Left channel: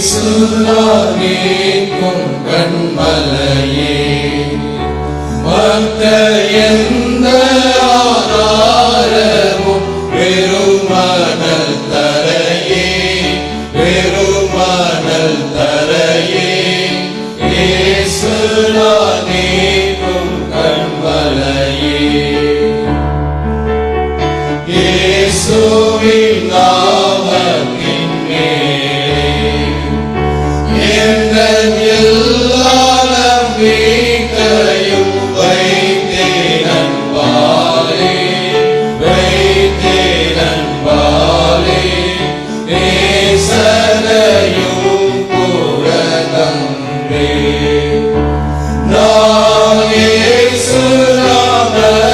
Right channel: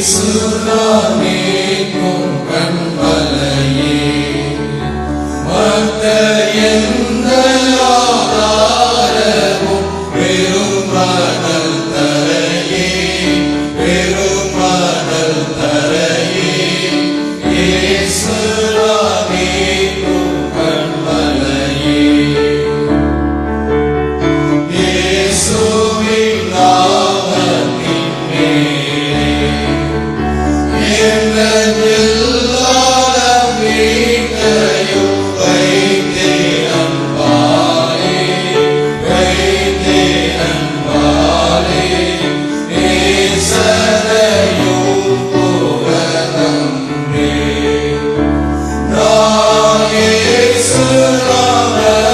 இயேசுதானே கண்மலையே the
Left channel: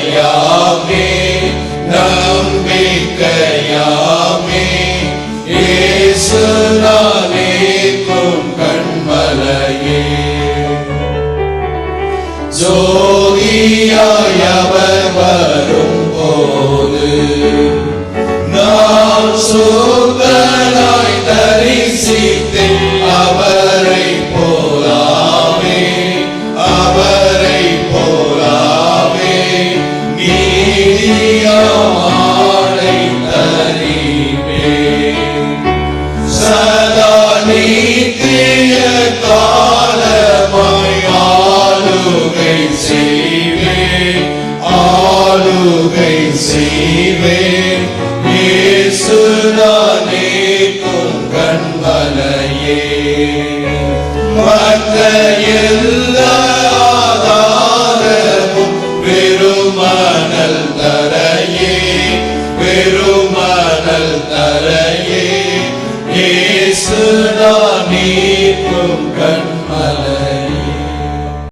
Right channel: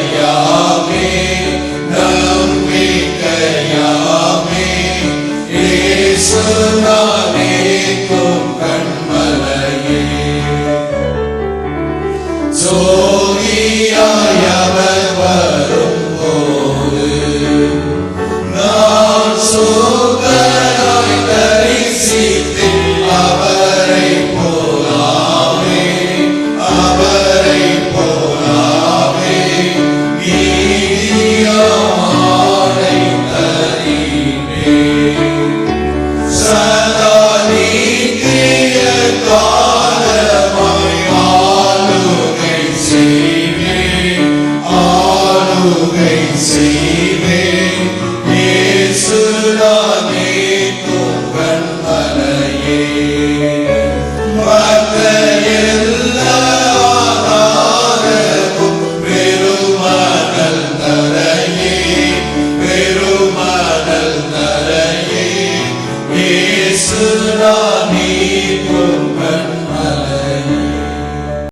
நம்பிக்கையாமே நம்பிக்கையாமே இயேசுநாதேக்கும் கண்மலையே ஜோதியாய் அவர் வரும் போது நான் தரிசி கிருபை செய்வேன் இயேசுதானே தோக்கன் மலையே மற்ற எல்லா ஆதாரமும் வெறுமானல் தரையே வெறுமானல் தரையே. ஏ